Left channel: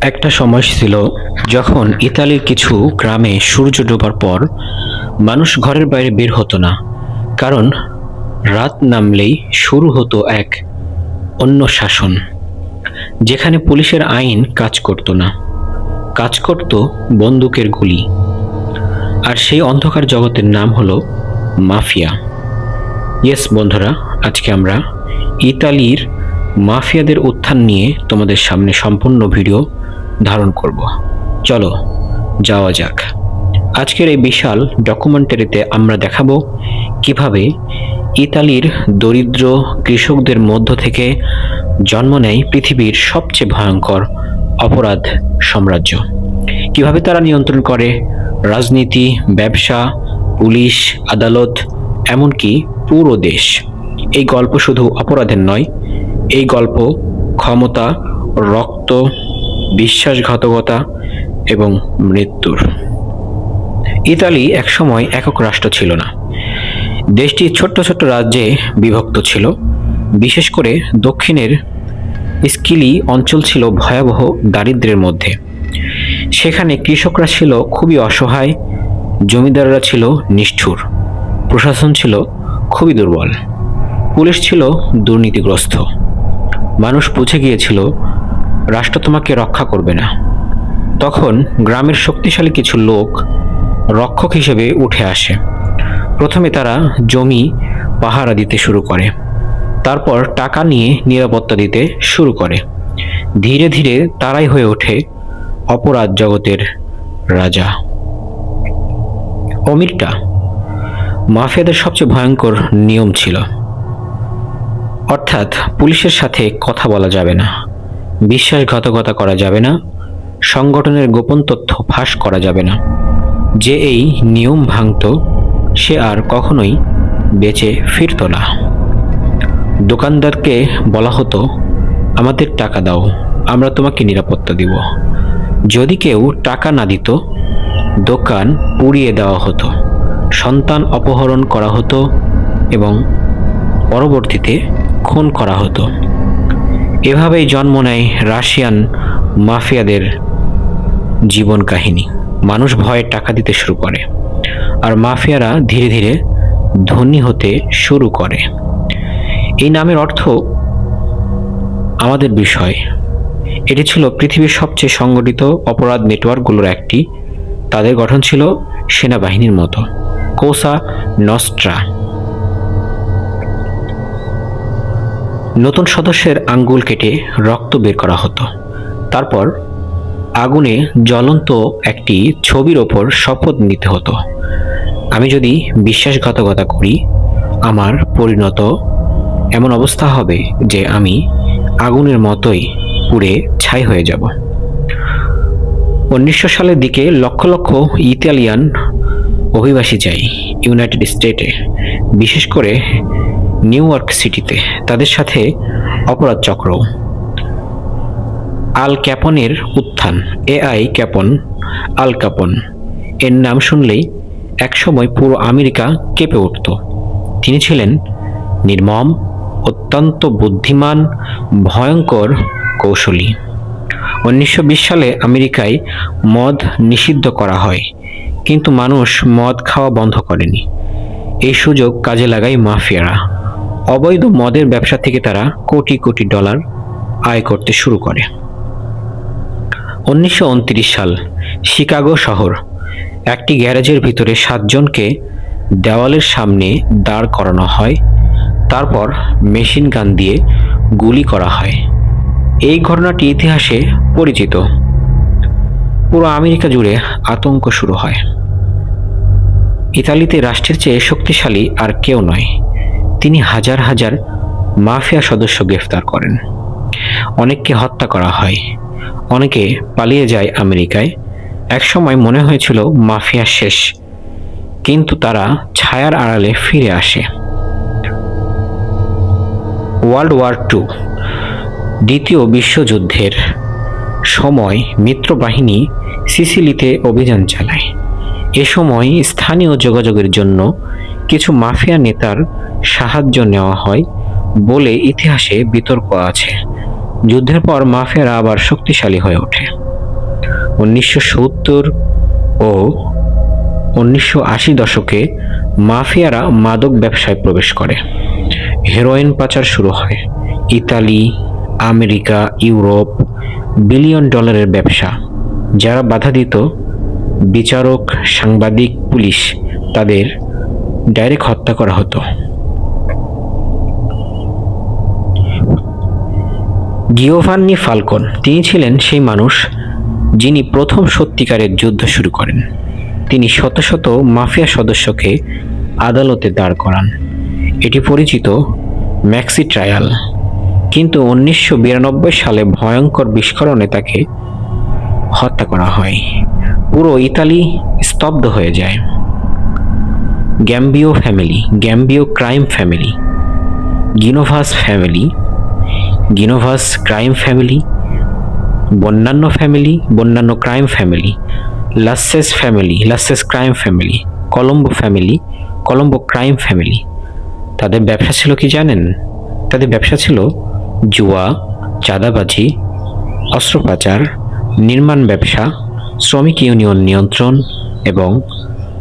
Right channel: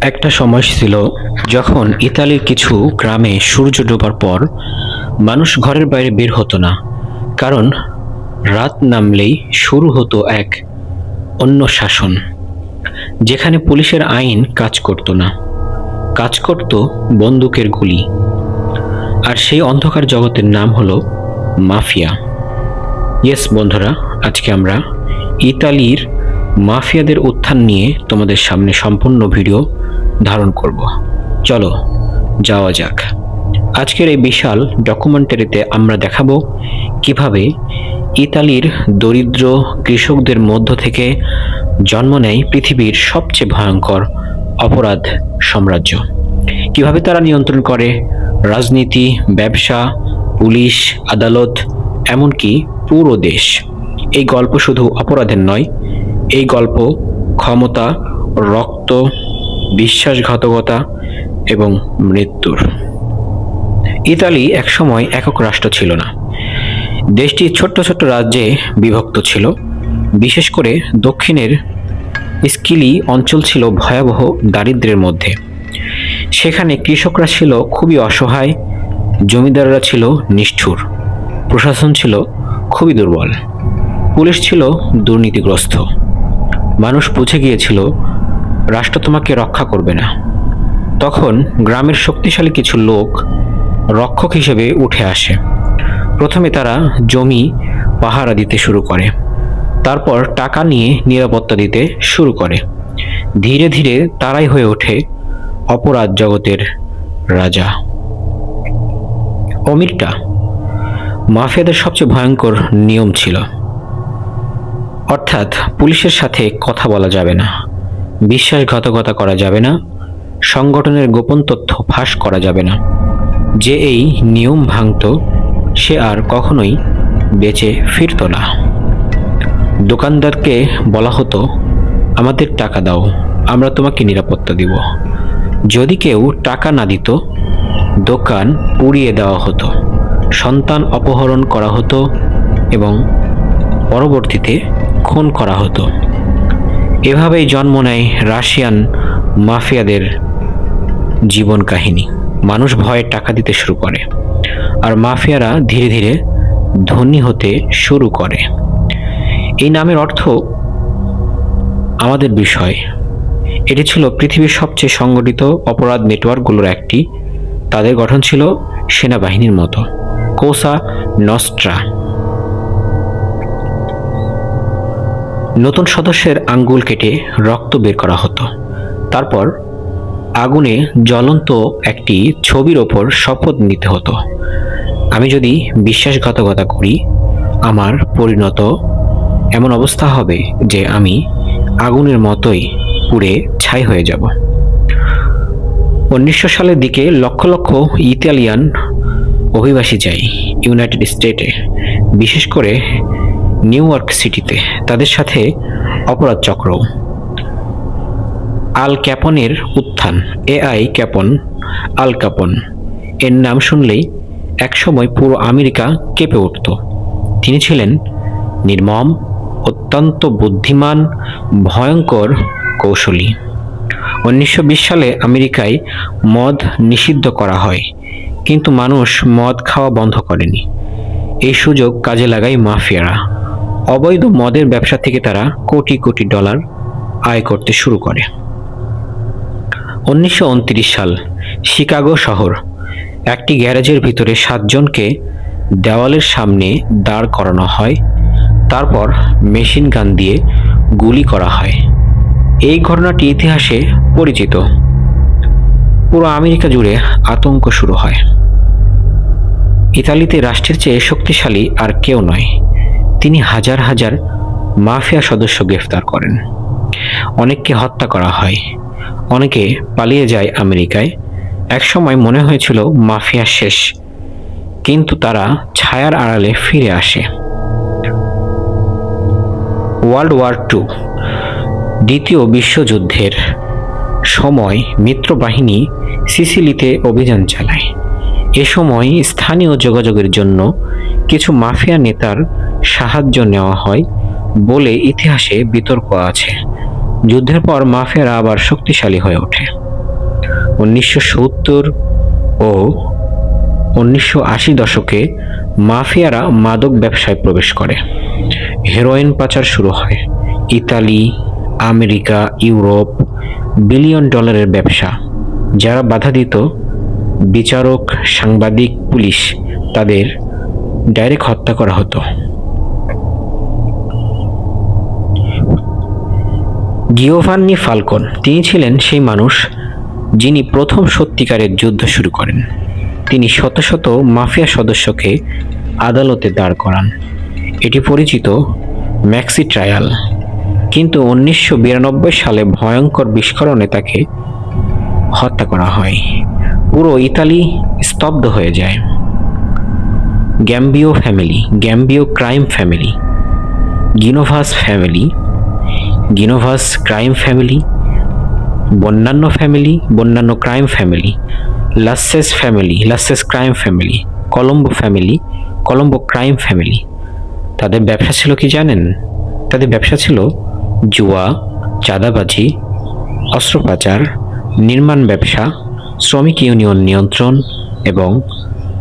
একটা সময় ছিল যখন ইতালির কিছু গ্রামে সূর্য ডোবার পর মানুষ ঘরের বাইরে বের হতো না, কারণ রাত নামলেই শুরু হতো এক অন্য শাসন, যেখানে পুলিশের আইন কাজ করতো না, কাজ করত বন্দুকের গুলি। আর সেই অন্ধকার জগতের নাম হলো মাফিয়া। ইয়েস বন্ধুরা, আজকে আমরা ইতালির মাফিয়াদের উত্থান নিয়ে তোমাদের সামনে সম্পূর্ণ ভিডিও ধারণ করব। চলো যাওয়া যাক। আজকের এই বিশাল ডকুমেন্টারিতে আমরা দেখাবো কিভাবে ইতালির দরিদ্র কৃষকদের মধ্য থেকে জন্ম নেয় পৃথিবীর সবচেয়ে ভয়ঙ্কর অপরাধ সাম্রাজ্য। কিভাবে তারা নিয়ন্ত্রণ করে রাজনীতি, ব্যবসা, পুলিশ, আদালত, এমনকি পুরো দেশ। এই গল্প শুধু অপরাধের নয়, এই গল্প ক্ষমতা, রক্ত, বিশ্বাসঘাতকতা এবং মৃত্যুর। ইতালি একসময় একক রাষ্ট্র ছিল না। দেশটি ছোট্ট ছোট্ট রাজ্যে বিভক্ত ছিল। বিশেষ করে দক্ষিণের স্কিলি অঞ্চল ছিল ভয়াবহ দারিদ্র্যের মধ্যে। সেখানে কৃষকরা ছিল খুবই অসহায়, জমিদাররা ছিল নিষ্ঠুর, প্রশাসন ছিল খুবই দুর্বল, পুলিশ ছিল দুর্নীতিগ্রস্ত। মানুষ বুঝে গিয়েছিল রাষ্ট্র তোমাকে রক্ষা করবে না। তখন গ্রামের শক্তিশালী কিছু লোক রক্ষক হিসেবে উঠে আসে। প্রথমে তারা জমি পাহারা দিতে শুরু করে, তারপর টাকা নিয়ে নিরাপত্তা দিতে শুরু করে। ধীরে ধীরে তারাই হয়ে ওঠে অপরাধ জগতের রাজা। ওমিরটা মাফিয়াদের সবচেয়ে ভয়ঙ্কর নিয়ম ছিল, অর্থাৎ পুলিশের সাথে কথা বলা যাবে না, বিশ্বাসঘাতকতা করা যাবে না, সংগঠনের গোপন তথ্য ফাঁস করা যাবে না। যে এই নিয়ম ভাঙত সে আর কখনোই বেঁচে ফিরত না। দোকানদারকে বলা হতো, আমাদের টাকা দাও, আমরা তোমাকে নিরাপত্তা দিব। যদি কেউ টাকা না দিত, দোকান পুড়িয়ে দেওয়া হতো, সন্তান অপহরণ করা হতো এবং পরবর্তীতে খুন করা হতো। এভাবেই জন্ম নেয় রাশিয়ান মাফিয়াদের জীবন কাহিনী। মানুষ ভয়ে টাকা দিতে শুরু করে, আর মাফিয়ারা ধীরে ধীরে ধনী হতে শুরু করে। এই নামের অর্থ আমাদের বিষয়। এটি ছিল পৃথিবীর সবচেয়ে সংগঠিত অপরাধ নেটওয়ার্কগুলোর একটি। তাদের গঠন ছিল সেনাবাহিনীর মতো, কোসা নস্ট্রা। নতুন সদস্যের আঙ্গুল কেটে রক্ত বের করা হতো, তারপর আগুনে জ্বলন্ত একটি ছবির ওপর শপথ নিতে হতো, আমি যদি বিশ্বাসঘাতকতা করি আমার পরিণত এমন অবস্থা হবে যে আমি আগুনের মতোই পুড়ে ছাই হয়ে যাব। 1900 সালের দিকে লক্ষ লক্ষ ইতালিয়ান অভিবাসী যায় ইউনাইটেড স্টেটে, বিশেষ করে নিউ ইয়র্ক সিটিতে। তাদের সাথে অপরাধ চক্র। আল ক্যাপনের উত্থান, এআই ক্যাপন, আল ক্যাপন এর নাম শুনলেই একসময় পুরো আমেরিকা কেঁপে উঠত। তিনি ছিলেন নির্মম, অত্যন্ত বুদ্ধিমান, ভয়ঙ্কর কৌশলী। 1920 সালে আমেরিকায় মদ নিষিদ্ধ করা হয়, কিন্তু মানুষ মদ খাওয়া বন্ধ করেনি। এই সুযোগ কাজে লাগায় মাফিয়ারা। অবৈধ মদের ব্যবসা থেকে তারা কোটি কোটি ডলার আয় করতে শুরু করে। 1929 সাল, শিকাগো শহর। একটি গ্যারেজের ভিতরে 7 জনকে দেওয়ালের সামনে দাঁড় করানো হয়, তারপর মেশিন গান দিয়ে গুলি করা হয়। এই ঘটনাটি ইতিহাসে পরিচিত। পুরো আমেরিকা জুড়ে আতঙ্ক শুরু হয়। ইতালিতে রাষ্ট্রের চেয়ে শক্তিশালী আর কেউ নয়। তিনি হাজার হাজার মাফিয়া সদস্য গ্রেফতার করেন। অনেককে হত্যা করা হয়, অনেকে পালিয়ে যায় আমেরিকায়। একসময় মনে হয়েছিল মাফিয়া শেষ, কিন্তু তারা ছায়ার আড়ালে ফিরে আসে। ওয়ার্ল্ড ওয়ার II, দ্বিতীয় বিশ্বযুদ্ধের সময় মিত্রবাহিনী সিসিলিতে অভিযান চালায়। এ সময় স্থানীয় যোগাযোগের জন্য কিছু মাফিয়া নেতার সাহায্য নেওয়া হয় বলে ইতিহাসে বিতর্ক আছে। যুদ্ধের পর মাফিয়ারা আবার শক্তিশালী হয়ে ওঠে। 1970 ও 1980 দশকে মাফিয়ারা মাদক ব্যবসায় প্রবেশ করে। হেরোইন পাচার শুরু হয়। ইতালি, আমেরিকা, ইউরোপ, বিলিয়ন ডলারের ব্যবসা। যারা বাধা দিত, বিচারক, সাংবাদিক, পুলিশ, তাদের ডাইরেক্ট হত্যা করা হতো। গিওভান্নি ফালকন, তিনি ছিলেন সেই মানুষ যিনি প্রথম সত্যিকারের যুদ্ধ শুরু করেন। তিনি শত শত মাফিয়া সদস্যকে আদালতে দাঁড় করান। এটি পরিচিত ম্যাক্সি ট্রায়াল। কিন্তু 1992 সালে ভয়ঙ্কর বিস্ফোরণে তাকে হত্যা করা হয়। পুরো ইতালি স্তব্ধ হয়ে যায়। Gambino family, Gambino crime family, Genovese family, Genovese crime family, Bonanno family, Bonanno crime family, Lucchese family, Lucchese crime family, Colombo family, Colombo crime family. তাদের ব্যবসা ছিল কি জানেন? তাদের ব্যবসা ছিল জুয়া, চাঁদাবাজি, অস্ত্র পাচার, নির্মাণ ব্যবসা, শ্রমিক ইউনিয়ন নিয়ন্ত্রণ এবং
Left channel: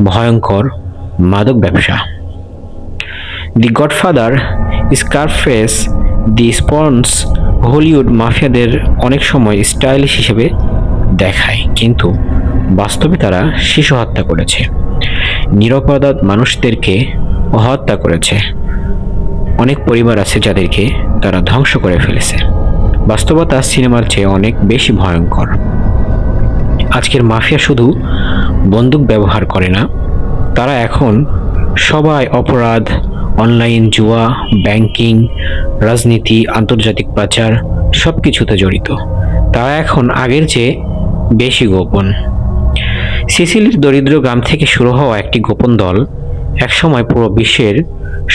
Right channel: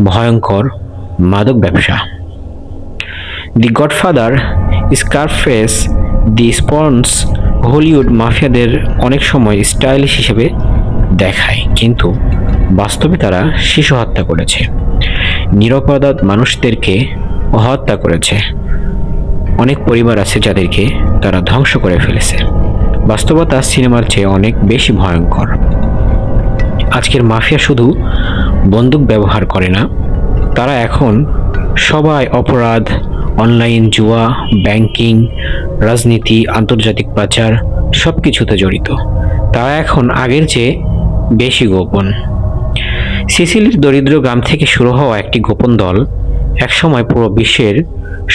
ভয়ঙ্কর মাদক ব্যবসা। দি গডফাদার, স্কারফেস, দি স্পন্স, হলিউড মাফিয়াদের অনেক সময় স্টাইলিশ হিসেবে দেখায়, কিন্তু বাস্তবে তারা শিশু হত্যা করেছে, নিরপরাধ মানুষদেরকে হত্যা করেছে। অনেক পরিবার আছে যাদেরকে তারা ধ্বংস করে ফেলেছে। বাস্তবতা সিনেমার চেয়ে অনেক বেশি ভয়ঙ্কর। আজকের মাফিয়া শুধু বন্দুক ব্যবহার করে না, তারা এখন সবাই অপরাধ, অনলাইন জুয়া, ব্যাংকিং, রাজনীতি, আন্তর্জাতিক পাচার সব কিছুতে জড়িত। তারা এখন আগের চেয়ে বেশি গোপন। সিসিলির দরিদ্র গ্রাম থেকে শুরু হওয়া একটি গোপন দল একসময় পুরো বিশ্বের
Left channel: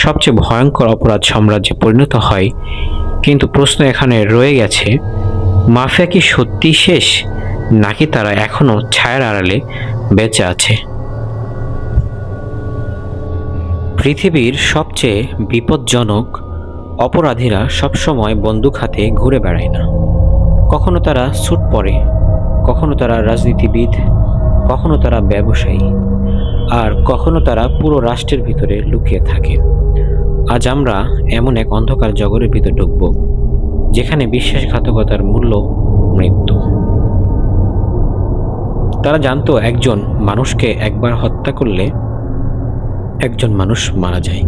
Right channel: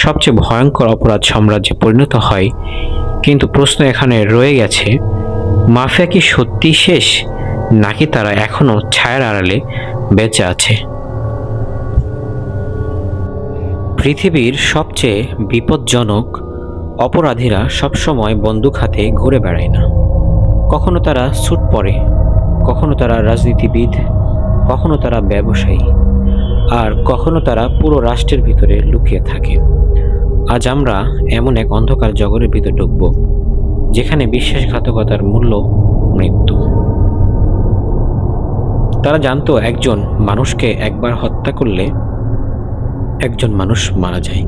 সবচেয়ে ভয়ঙ্কর অপরাধ সাম্রাজ্যে পরিণত হয়। কিন্তু প্রশ্ন এখানে রয়ে গেছে, মাফিয়া কি সত্যি শেষ, নাকি তারা এখনো ছায়ার আড়ালে বেঁচে আছে? পৃথিবীর সবচেয়ে বিপজ্জনক অপরাধীরা সবসময় বন্দুক হাতে ঘুরে বেড়ায় না। কখনো তারা স্যুট পরে, কখনো তারা রাজনীতিবিদ, কখনো তারা ব্যবসায়ী, আর কখনো তারা পুরো রাষ্ট্রের ভিতরে লুকিয়ে থাকে। আজ আমরা এমন এক অন্ধকার জগতের ভিতর ঢুকব, যেখানে বিশ্বাসঘাতকতার মূল্য মৃত্যু। তারা জানতো একজন মানুষকে একবার হত্যা করলে একজন মানুষ মারা যায়,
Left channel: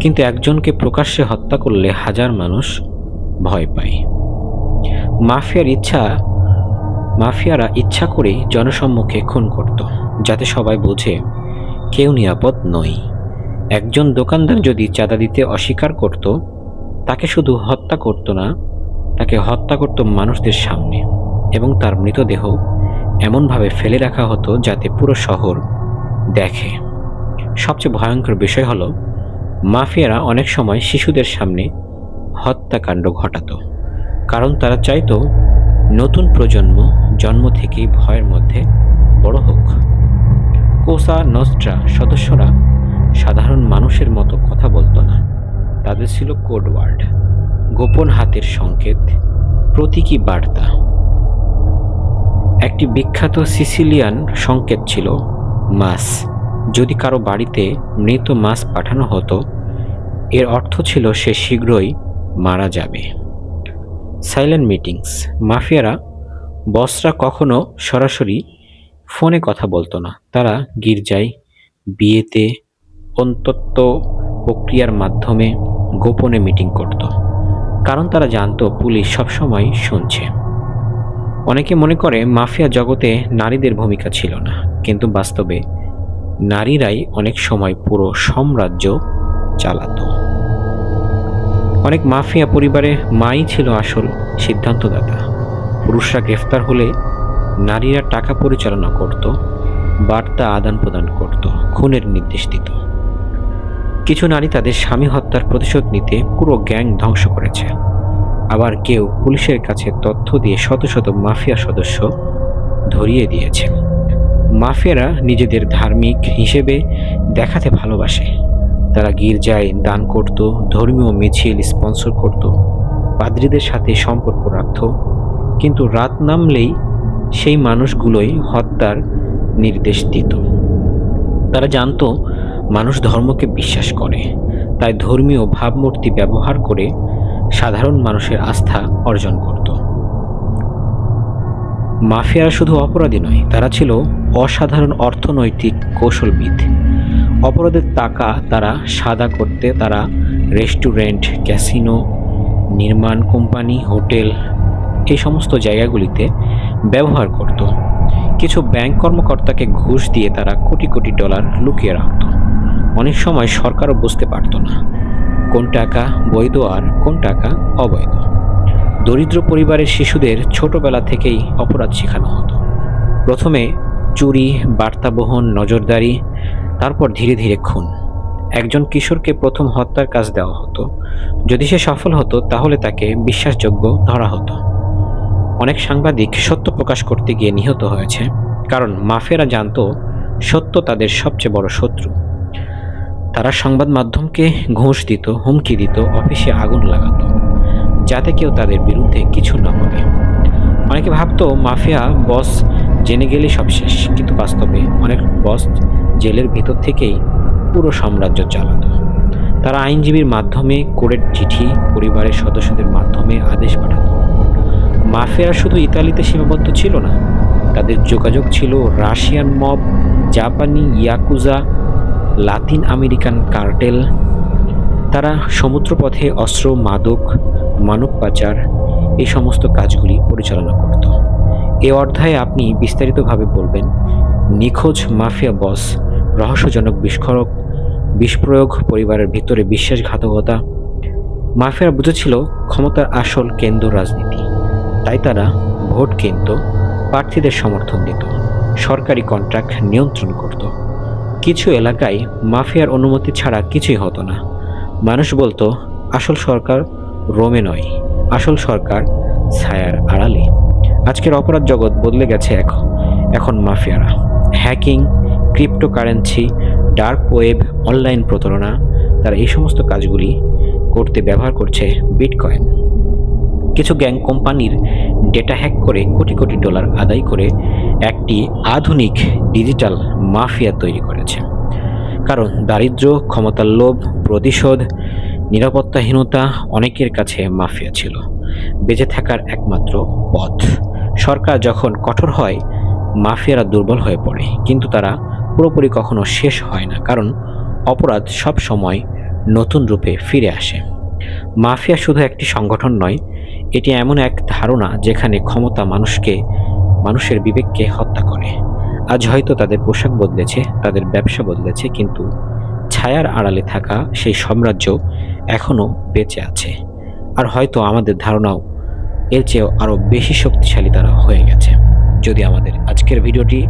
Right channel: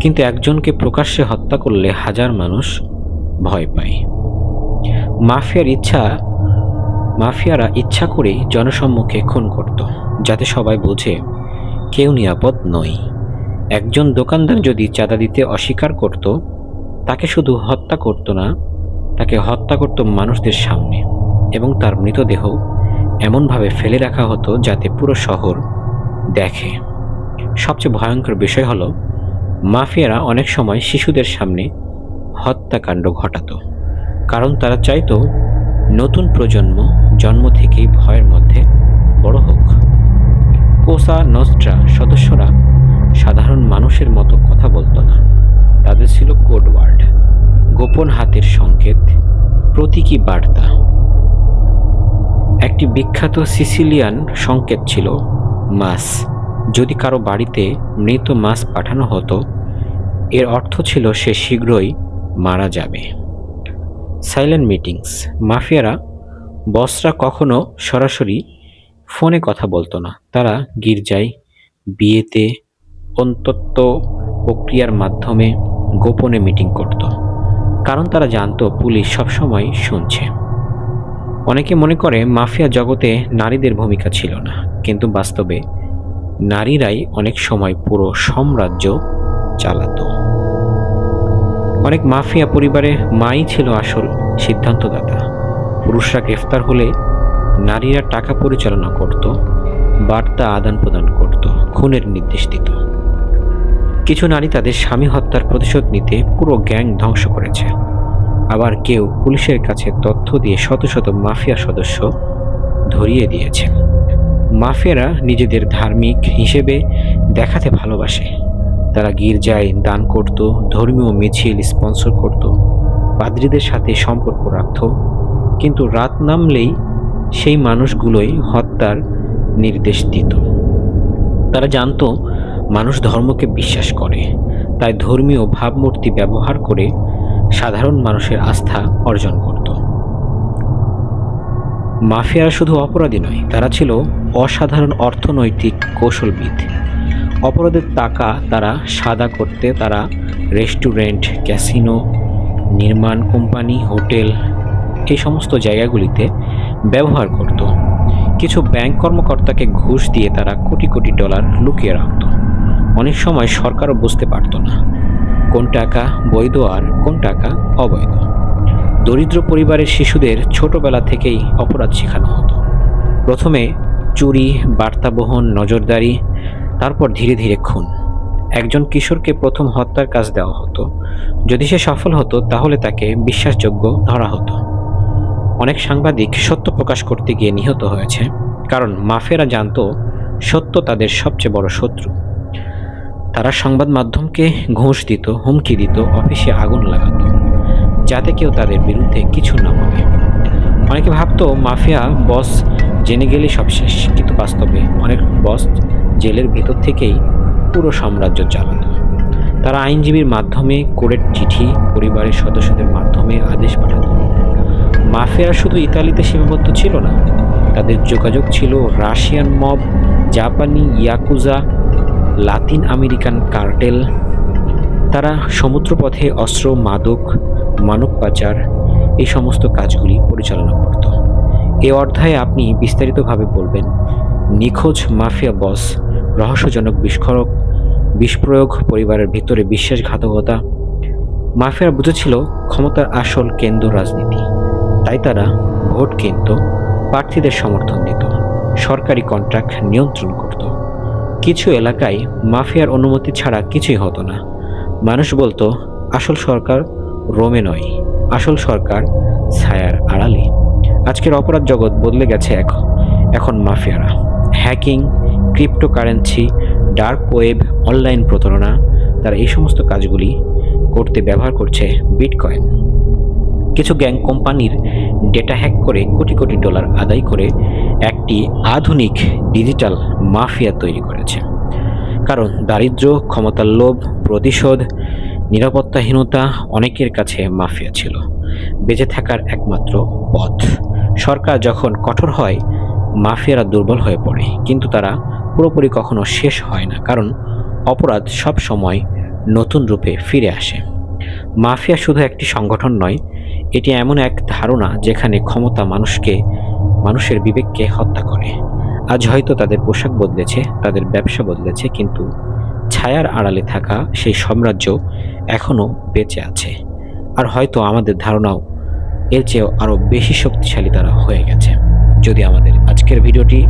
কিন্তু একজনকে প্রকাশ্যে হত্যা করলে হাজার মানুষ ভয় পায়। মাফিয়ারা ইচ্ছা করে জনসম্মুখে খুন করত, যাতে সবাই বোঝে কেউ নিরাপদ নয়। একজন দোকানদার যদি চাঁদা দিতে অস্বীকার করত, তাকে শুধু হত্যা করত না, তাকে হত্যা করত মানুষদের সামনে, এবং তার মৃতদেহ এমনভাবে ফেলে রাখা হতো যাতে পুরো শহর দেখে। সবচেয়ে ভয়ঙ্কর বিষয় হলো, মাফিয়ারা অনেক সময় শিশুদের সামনে হত্যাকাণ্ড ঘটাতো, কারণ তারা চাইতো নতুন প্রজন্ম জন্ম থেকেই ভয়ের মধ্যে বড় হোক। কোসা নস্ট্রা সদস্যরা সাধারণ মানুষের মতো কথা বলতো না। তাদের ছিল কোড ওয়ার্ড, গোপন হাতের সংকেত, প্রতীকী বার্তা। একটি বিখ্যাত সিসিলিয়ান সংকেত ছিল মাস। যদি কারো বাড়িতে মৃত মাছ পাঠানো হতো, এর অর্থ ছিল সে শীঘ্রই মারা যাবে। সাইলেন্ট মিটিংস, মাফিয়ারা বসরা কখনো সরাসরি ফোনে কথা বলতো না। তারা গির্জায়, বিয়েতে, অন্তত প্রক্রিয়ার মাধ্যমে গোপনে মিটিং করত, কারণ তারা জানতো পুলিশ সবসময় শুনছে। অনেকে মনে করে মাফিয়া জগতে নারীদের ভূমিকা ছিল না, কিন্তু বাস্তবে নারীরাই অনেক সময় পুরো সাম্রাজ্য চালাতো। অনেক মাফিয়া পরিবারে মাই ছিল আসল সিদ্ধান্তদাতা। পুরুষরা গ্রেফতার হলে নারীরা টাকা পরিচালনা করত, বার্তা আদান প্রদান করত, খুনের নির্দেশ দিত। কিছু নারী তাদের স্বামী হত্যার প্রতিশোধ নিতে পুরো গ্যাং ধ্বংস করেছে। আবার কেউ পুলিশের কাছে তথ্য দিয়ে শত শত মাফিয়া সদস্য ধরিয়ে দিয়েছে। মাফিয়ারা নিজেদের ধার্মিক হিসেবে দেখাতে ভালোবাসে। তারা গির্জায় দান করত, ধর্মীয় মিছিল স্পন্সর করত, পাদ্রীদের সাথে সম্পর্ক রাখত, কিন্তু রাত নামলেই সেই মানুষগুলোই হত্যার নির্দেশ দিত। তারা জানতো মানুষ ধর্মকে বিশ্বাস করে, তাই ধর্মীয় ভাবমূর্তি ব্যবহার করে সাধারণ মানুষের আস্থা অর্জন করত। মাফিয়ারা শুধু অপরাধী নয়, তারা ছিল অসাধারণ অর্থনৈতিক কৌশলবিদ। অপরাধের টাকা তারা সাদা করতে তারা রেস্টুরেন্ট, ক্যাসিনো, নির্মাণ কোম্পানি, হোটেল এই সমস্ত জায়গাগুলিতে ব্যবহার করত। কিছু ব্যাংক কর্মকর্তাকে ঘুষ দিয়ে তারা কোটি কোটি ডলার লুকিয়ে রাখত। অনেক সময় সরকারও বুঝতে পারত না কোন টাকা বৈধ আর কোন টাকা অবৈধ। দরিদ্র পরিবারের শিশুদের ছোটবেলা থেকেই অপরাধ শেখানো হতো। প্রথমে চুরি, বার্তাবহন, নজরদারি, তারপর ধীরে ধীরে খুন। একজন কিশোরকে প্রথম হত্যার কাজ দেওয়া হতো। যদি সে সফল হতো তাহলে তাকে বিশ্বাসযোগ্য ধরা হতো। অনেক সাংবাদিক সত্য প্রকাশ করতে গিয়ে নিহত হয়েছে, কারণ মাফিয়ারা জানতো সত্য তাদের সবচেয়ে বড় শত্রু। তারা সংবাদ মাধ্যমকে ঘুষ দিত, হুমকি দিত, অফিসে আগুন লাগাতো, যাতে কেউ তাদের বিরুদ্ধে কিছু না বলে। অনেকে ভাবতো মাফিয়া বস জেনে গেলেই সব শেষ, কিন্তু বাস্তবে অনেক বস জেলের ভিতর থেকেই পুরো সাম্রাজ্য চালাতো। তারা আইনজীবীর মাধ্যমে, কোর্টের চিঠি, পরিবারের সদস্যদের মাধ্যমে আদেশ পাঠাতো। মাফিয়ারা শুধু ইতালিতে সীমাবদ্ধ ছিল না, তাদের যোগাযোগ ছিল রাশিয়ান মব, জাপানি ইয়াকুজা, লাতিন আমেরিকান কার্টেল। তারা সমুদ্রপথে অস্ত্র, মাদক, মানব পাচার এই সমস্ত কাজগুলি পরিচালনা করত। এই অধ্যায়ে আপনি বিস্তারিতভাবে বলবেন নিখোঁজ মাফিয়া বস, রহস্যজনক বিস্ফোরক, পরিবারের ভিতরে বিশ্বাসঘাতকতা। মাফিয়া বুঝেছিল ক্ষমতার আসল কেন্দ্র রাজনীতি, তাই তারা ভোট কিনত, প্রার্থীদের সমর্থন দিত, সরকারি কন্ট্রাক্ট নিয়ন্ত্রণ করত। কিছু এলাকায় মাফিয়ার অনুমতি ছাড়া কিছুই হতো না। মানুষ বলতো আসল সরকার রোমে নয়, আসল সরকার ছায়ার আড়ালে। আজকের অপরাধ জগৎ বদলে গেছে। এখন মাফিয়ারা hacking, cryptocurrency, dark web, online প্রতারণা, তারা এই সমস্ত কাজগুলি করতে ব্যবহার করছে বিটকয়েন। কিছু গ্যাং কোম্পানির ডেটা হ্যাক করে কোটি কোটি ডলার আদায় করে একটি আধুনিক ডিজিটাল মাফিয়া তৈরি করেছে। কারণ দারিদ্র্য, ক্ষমতার লোভ, প্রতিশোধ, নিরাপত্তাহীনতা অনেকের কাছে মাফিয়া ছিল বেঁচে থাকার একমাত্র পথ। সরকার যখন কঠোর হয়, মাফিয়ারা দুর্বল হয়ে পড়ে, কিন্তু তারা পুরোপুরি কখনো শেষ হয় না, কারণ অপরাধ সব সময় নতুন রূপে ফিরে আসে। মাফিয়া শুধু একটি সংগঠন নয়, এটি এমন এক ধারণা যেখানে ক্ষমতা মানুষের বিবেককে হত্যা করে। আজ হয়তো তাদের পোশাক বদলেছে, তাদের ব্যবসা বদলেছে, কিন্তু ছায়ার আড়ালে থাকা সেই সাম্রাজ্য এখনও বেঁচে আছে। আর হয়তো আমাদের ধারণাও এর চেয়েও আরও বেশি শক্তিশালী তারা হয়ে গেছে। যদি আমাদের আজকের ভিডিওটি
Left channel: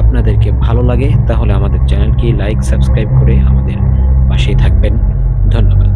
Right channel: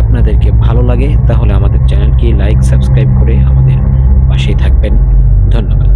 আপনাদেরকে ভালো লাগে তাহলে আমাদের চ্যানেলকে লাইক, সাবস্ক্রাইব করে আমাদের পাশেই থাকবেন। ধন্যবাদ।